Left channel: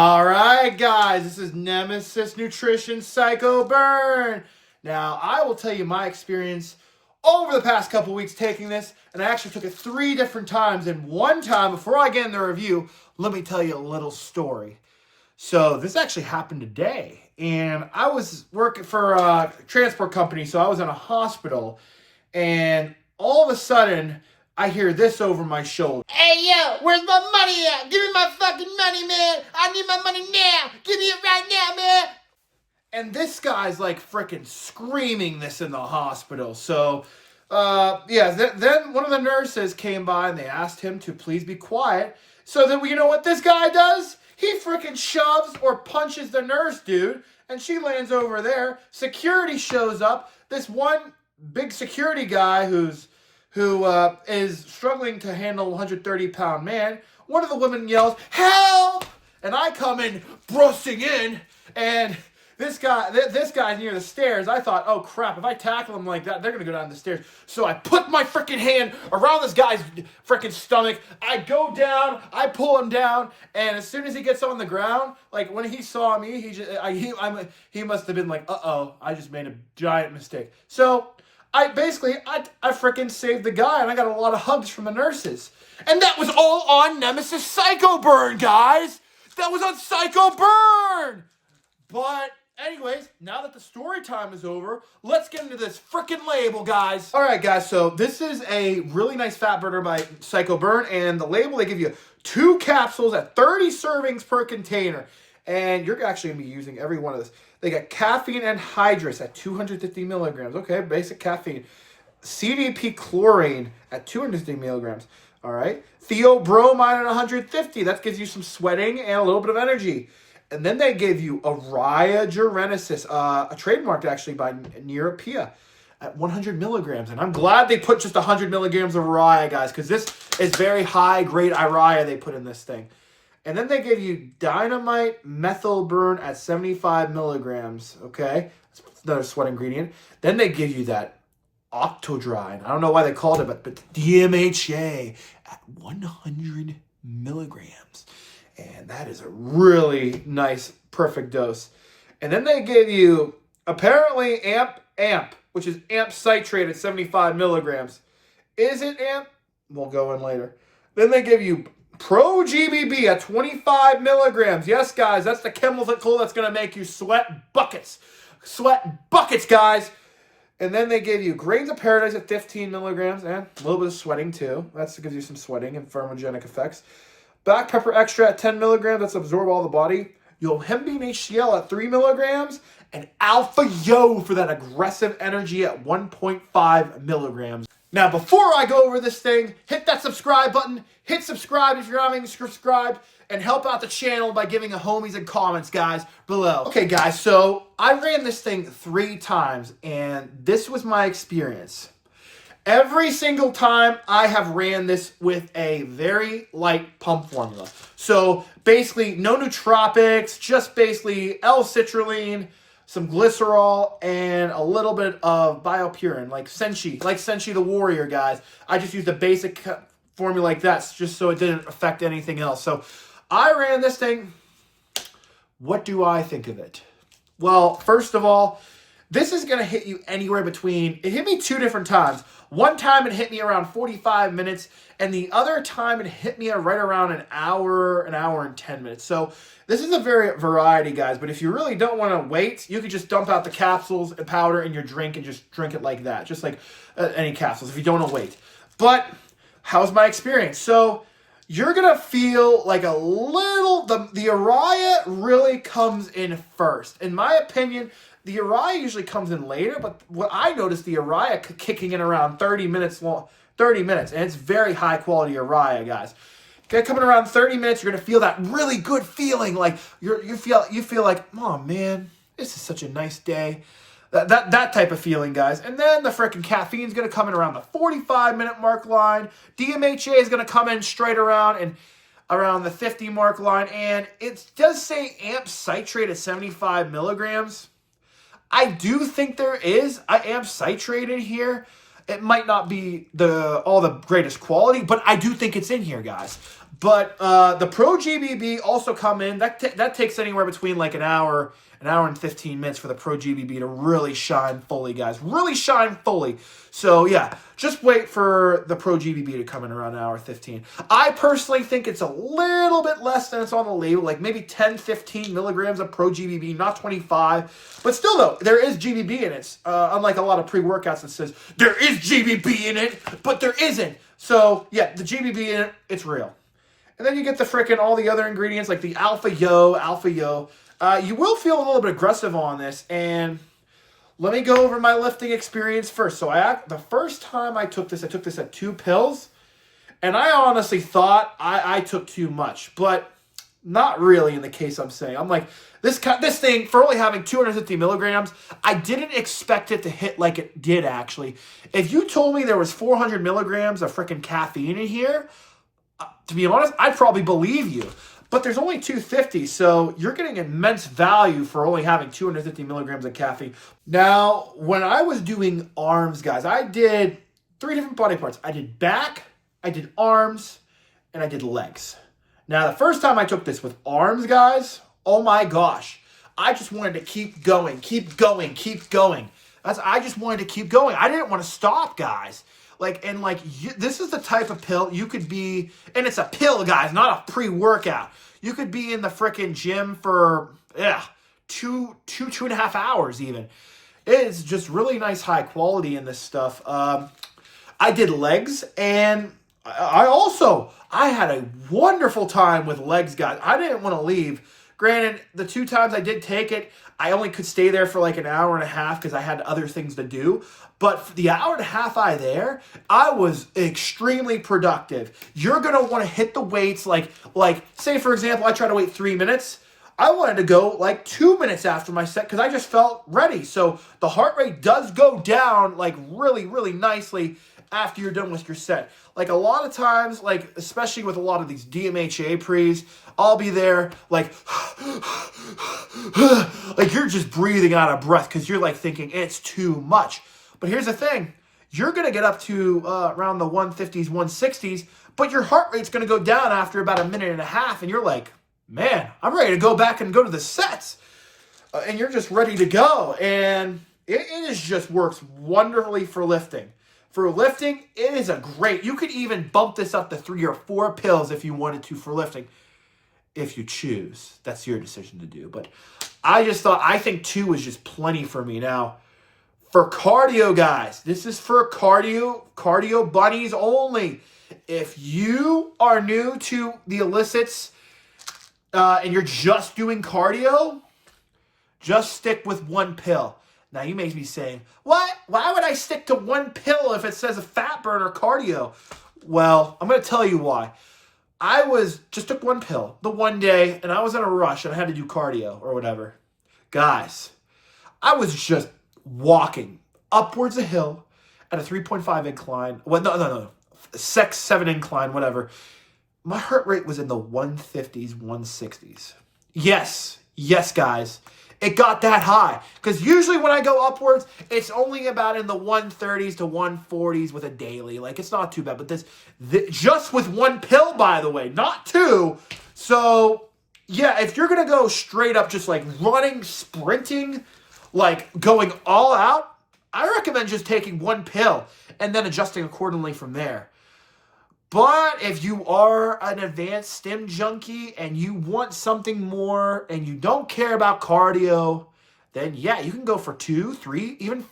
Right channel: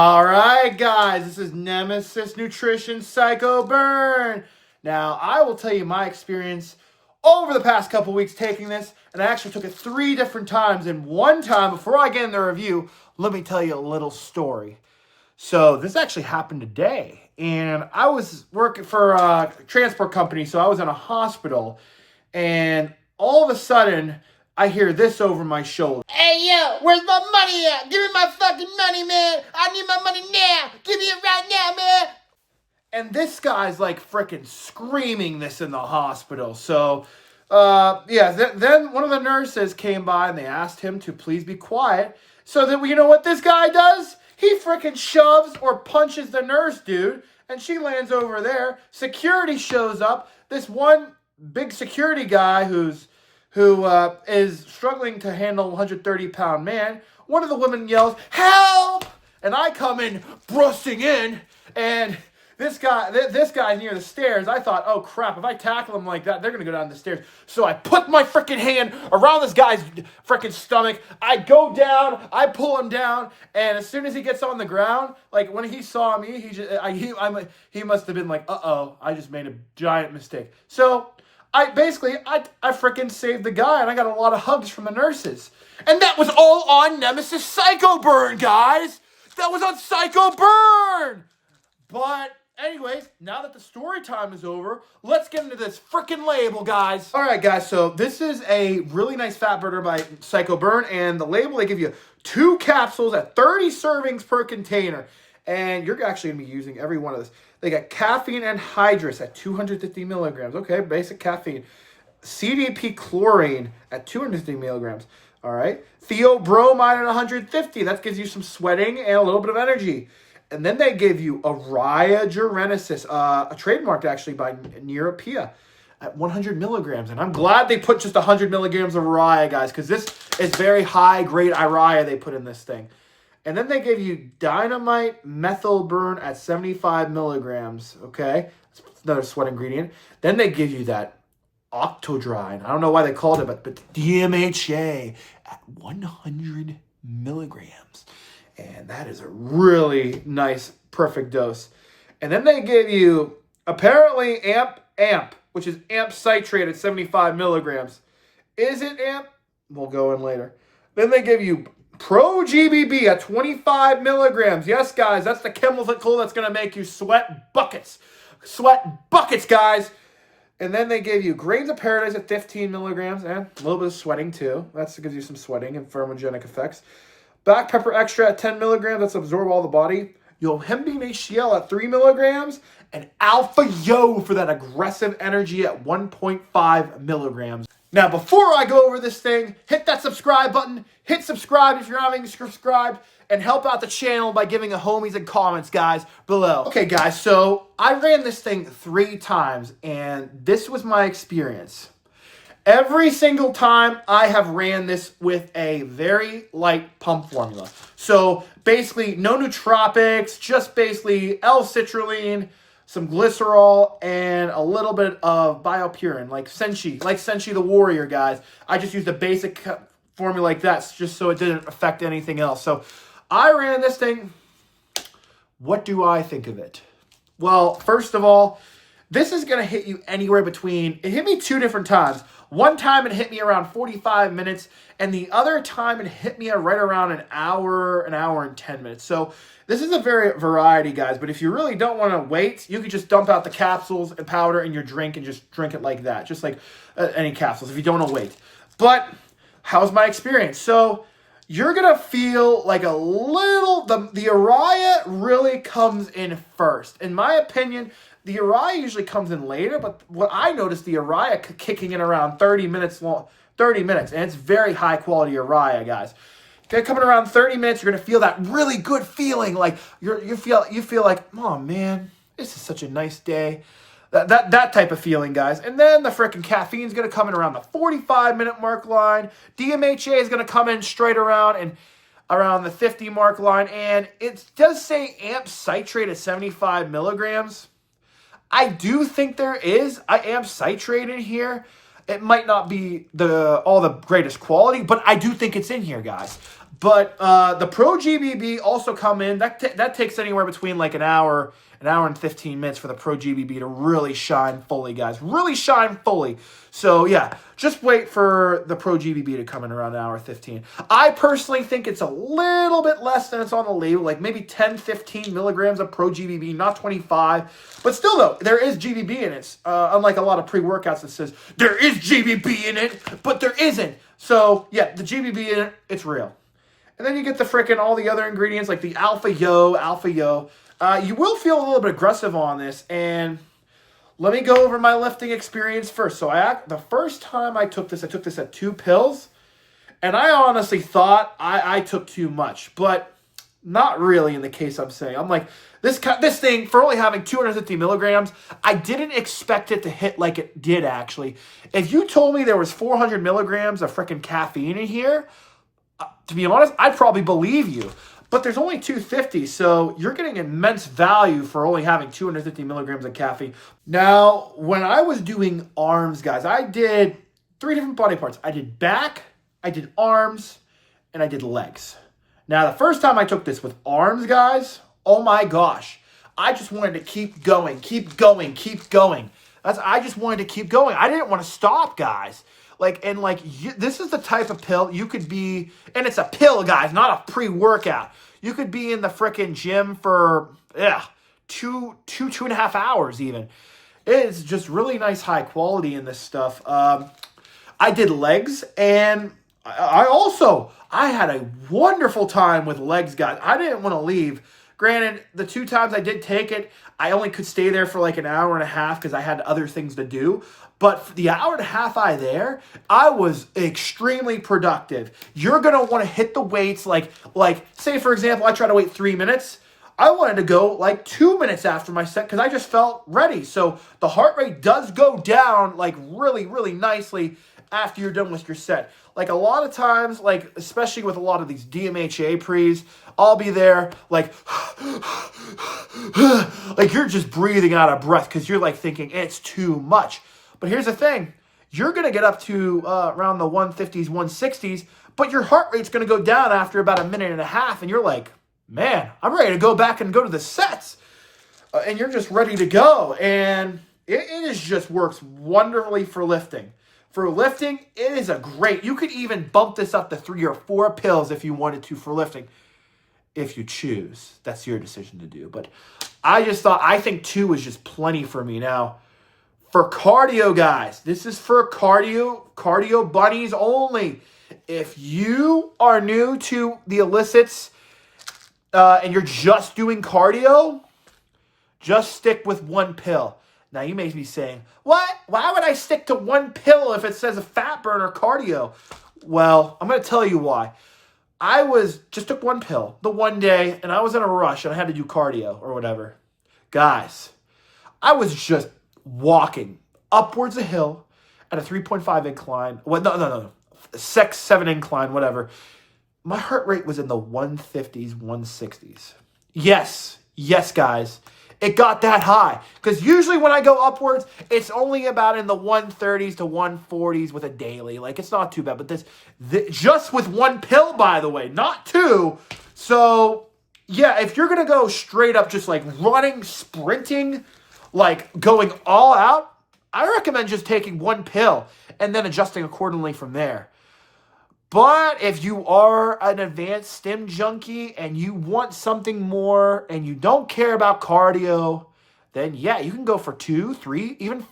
All right, guys, this is Nemesis Nutrition Psycho Burn. Now, I will tell you my experience over the past couple weeks taking this, and I actually took it 3 different times. And one time, before I get in the review, let me tell you a little story. So this actually happened today, and I was working for a transport company, so I was in a hospital, and all of a sudden, I hear this over my shoulder. Hey, yo, where's my money at? Give me my fucking money, man. I need my money now. Give me it right now, man. And this guy's like freaking screaming this in the hospital. So, then one of the nurses came by and they asked him to please be quiet. So that, you know what this guy does? He freaking shoves or punches the nurse, dude. And she lands over there. Security shows up. This one big security guy who is struggling to handle a 130-pound man. One of the women yells, "Help!" And I come in, bursting in, and this guy's near the stairs. I thought, oh crap, if I tackle him like that, they're going to go down the stairs. So I put my freaking hand around this guy's freaking stomach. I go down, I pull him down, and as soon as he gets on the ground, like when he saw me, he must have been like, uh-oh, I just made a giant mistake. So I freaking saved the guy, and I got a lot of hugs from the nurses. And that was all on Nemesis Psycho Burn, guys. That was on Psycho Burn. But anyways, now that the story time is over, let's get into this freaking label, guys. All right, guys, so this is a really nice fat burner by Psycho Burn, and the label, they give you 2 capsules at 30 servings per container. And you're actually going to be using every one of this. They got caffeine anhydrous at 250 milligrams. Okay, basic caffeine. CDP chlorine at 250 milligrams. All right. Theobromide at 150. That gives you some sweating and a little bit of energy. And then they gave you Araya genesis, a trademarked actually by Neuropia at 100 milligrams. And I'm glad they put just 100 milligrams of Araya, guys, because this is very high-grade Araya they put in this thing. And then they gave you Dynamite Methyl Burn at 75 milligrams, okay? That's another sweat ingredient. Then they give you that Octodrine. I don't know why they called it, but DMHA at 100 milligrams. And that is a really nice, perfect dose. And then they gave you, apparently, AMP, which is AMP citrate at 75 milligrams. Is it AMP? We'll go in later. Then they give you Pro GBB at 25 milligrams. Yes, guys, that's the chemical that's going to make you sweat buckets. Sweat buckets, guys. And then they gave you Grains of Paradise at 15 milligrams and a little bit of sweating, too. That gives you some sweating and thermogenic effects. Black Pepper Extra at 10 milligrams. That's absorb all the body. Yohimbine HCl at 3 milligrams. And Alpha Yo for that aggressive energy at 1.5 milligrams. Now, before I go over this thing, hit that subscribe button. Hit subscribe if you're not even subscribed. And help out the channel by giving a homies and comments, guys, below. Okay, guys, so I ran this thing 3 times, and this was my experience. Every single time I have ran this with a very light pump formula. So, basically, no nootropics, just basically L-citrulline, some glycerol, and a little bit of biopurin, like Senshi the Warrior, guys. I just used a basic formula like that just so it didn't affect anything else. So I ran this thing. What do I think of it? Well, first of all, this is going to hit you anywhere between, it hit me 2 different times. One time it hit me around 45 minutes, and the other time it hit me right around an hour and 10 minutes. So this is a variety, guys, but if you really don't want to wait, you could just dump out the capsules and powder in your drink and just drink it like that, just like any capsules if you don't want to wait. But how's my experience? So you're going to feel like a little, the Araya really comes in first. In my opinion, the Araya usually comes in later, but what I noticed, the Araya kicking in around 30 minutes, and it's very high quality Araya, guys. Coming around 30 minutes, you're gonna feel that really good feeling, like you feel like, oh man, this is such a nice day. That type of feeling, guys. And then the freaking caffeine's gonna come in around the 45-minute mark line. DMHA is gonna come in straight around and around the 50 mark line, and it does say AMP citrate at 75 milligrams. I do think there is AMP citrate in here. It might not be all the greatest quality, but I do think it's in here, guys. But the Pro GBB also come in. That takes anywhere between like an hour and 15 minutes for the Pro GBB to really shine fully, guys. Really shine fully. So, yeah, just wait for the Pro GBB to come in around an hour 15. I personally think it's a little bit less than it's on the label, like maybe 10, 15 milligrams of Pro GBB, not 25. But still, though, there is GBB in it. Unlike a lot of pre-workouts that says, there is GBB in it, but there isn't. So, yeah, the GBB in it, it's real. And then you get the frickin' all the other ingredients like the Alpha Yo. You will feel a little bit aggressive on this, and let me go over my lifting experience first. So the first time I took this at 2 pills, and I honestly thought I took too much, but not really in the case I'm saying. I'm like, this thing, for only having 250 milligrams, I didn't expect it to hit like it did, actually. If you told me there was 400 milligrams of frickin' caffeine in here, to be honest, I'd probably believe you. But there's only 250, so you're getting immense value for only having 250 milligrams of caffeine. Now, when I was doing arms, guys, I did 3 different body parts. I did back, I did arms, and I did legs. Now, the first time I took this with arms, guys, oh my gosh. I just wanted to keep going. I just wanted to keep going. I didn't want to stop, guys. This is the type of pill you could be, and it's a pill, guys, not a pre-workout. You could be in the frickin' gym for, two and a half hours even. It's just really nice high quality in this stuff. I did legs, and I had a wonderful time with legs, guys. I didn't want to leave. Granted, the 2 times I did take it, I only could stay there for like an hour and a half because I had other things to do. But for the hour and a half I was extremely productive. You're going to want to hit the weights like say, for example, I try to wait 3 minutes. I wanted to go like 2 minutes after my set because I just felt ready. So the heart rate does go down like really, really nicely after you're done with your set. Like a lot of times, like especially with a lot of these DMHA pre's, I'll be there like you're just breathing out of breath because you're like thinking it's too much. But here's the thing. You're going to get up to around the 150s, 160s, but your heart rate's going to go down after about a minute and a half, and you're like, man, I'm ready to go back and go to the sets. And you're just ready to go. And it just works wonderfully for lifting. For lifting, it is a great. You could even bump this up to 3 or 4 pills if you wanted to for lifting. If you choose. That's your decision to do. But I think 2 is just plenty for me. Now, for cardio, guys, this is for cardio bunnies only. If you are new to the illicits and you're just doing cardio, just stick with 1 pill. Now, you may be saying, what? Why would I stick to 1 pill if it says a fat burner cardio? Well, I'm going to tell you why. I just took 1 pill the one day, and I was in a rush, and I had to do cardio or whatever. Guys, I was just walking upwards a hill at a 3.5 incline. Well, no. 7 incline, whatever. My heart rate was in the 150s, 160s. Yes, guys. It got that high. Because usually when I go upwards, it's only about in the 130s to 140s with a daily. Like, it's not too bad. But this just with 1 pill, by the way, not 2. So, yeah, if you're going to go straight up just like running, sprinting, like going all out, I recommend just taking 1 pill and then adjusting accordingly from there. But if you are an advanced stim junkie and you want something more and you don't care about cardio, then yeah, you can go for 2, 3, even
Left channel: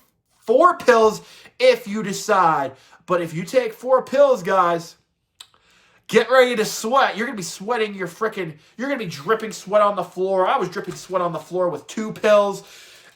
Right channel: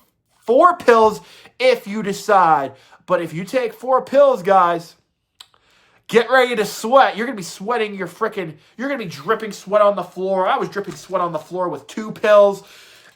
4 pills if you decide. But if you take 4 pills, guys, get ready to sweat. You're going to be sweating you're going to be dripping sweat on the floor. I was dripping sweat on the floor with 2 pills.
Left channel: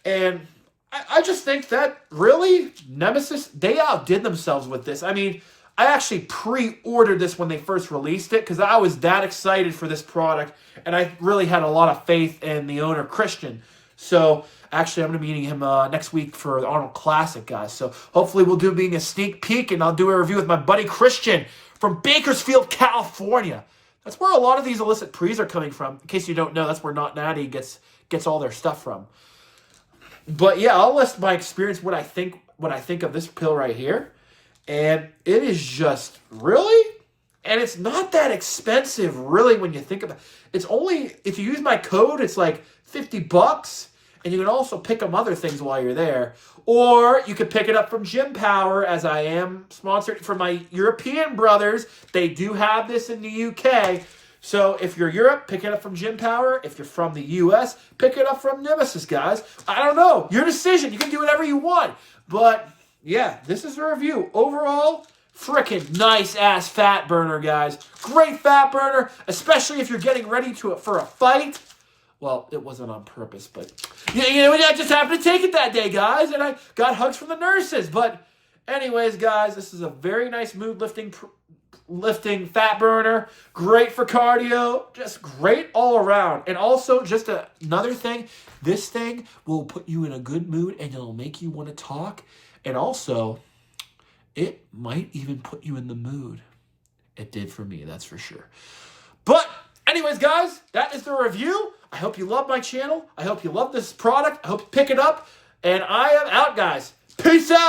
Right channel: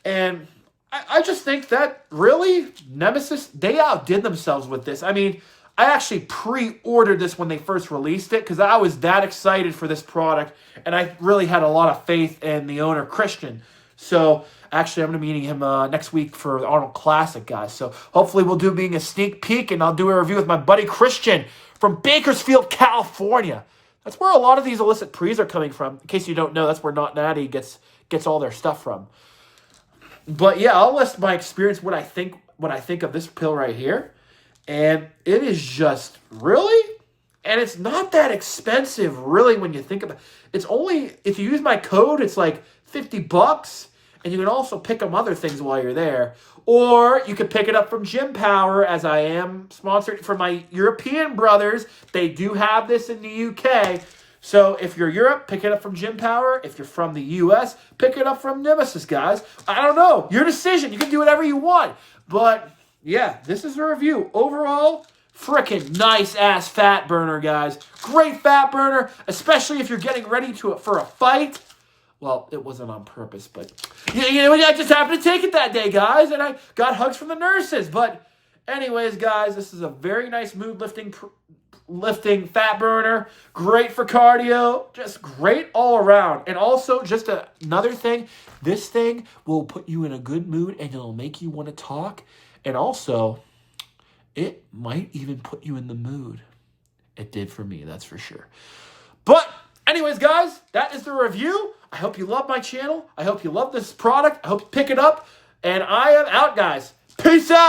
And I just think that really, Nemesis, they outdid themselves with this. I mean, I actually pre-ordered this when they first released it because I was that excited for this product, and I really had a lot of faith in the owner, Christian. So, actually, I'm going to be meeting him next week for the Arnold Classic, guys. So, hopefully, we'll do being a sneak peek, and I'll do a review with my buddy Christian from Bakersfield, California. That's where a lot of these illicit pre's are coming from. In case you don't know, that's where Not Natty gets all their stuff from. But yeah, I'll list my experience, what I think of this pill right here. And it is just really, And it's not that expensive, really, when you think about it. It's only, if you use my code, it's like $50. And you can also pick up other things while you're there. Or you can pick it up from Gym Power, as I am sponsored for my European brothers. They do have this in the UK. So if you're Europe, pick it up from Gym Power. If you're from the US, pick it up from Nemesis, guys. I don't know. Your decision. You can do whatever you want. But yeah, this is a review. Overall, freaking nice-ass fat burner, guys. Great fat burner, especially if you're getting ready for a fight. Well, it wasn't on purpose, but I just happened to take it that day, guys, and I got hugs from the nurses. But anyways, guys, this is a very nice mood-lifting fat burner. Great for cardio. Just great all around. And also, just another thing, this thing will put you in a good mood, and it'll make you want to talk. And also, it might even put you in the mood. It did for me, that's for sure. But anyways, guys, that is the review. I hope you love my channel. I hope you love this product. I hope you pick it up. And I am out, guys. Peace out.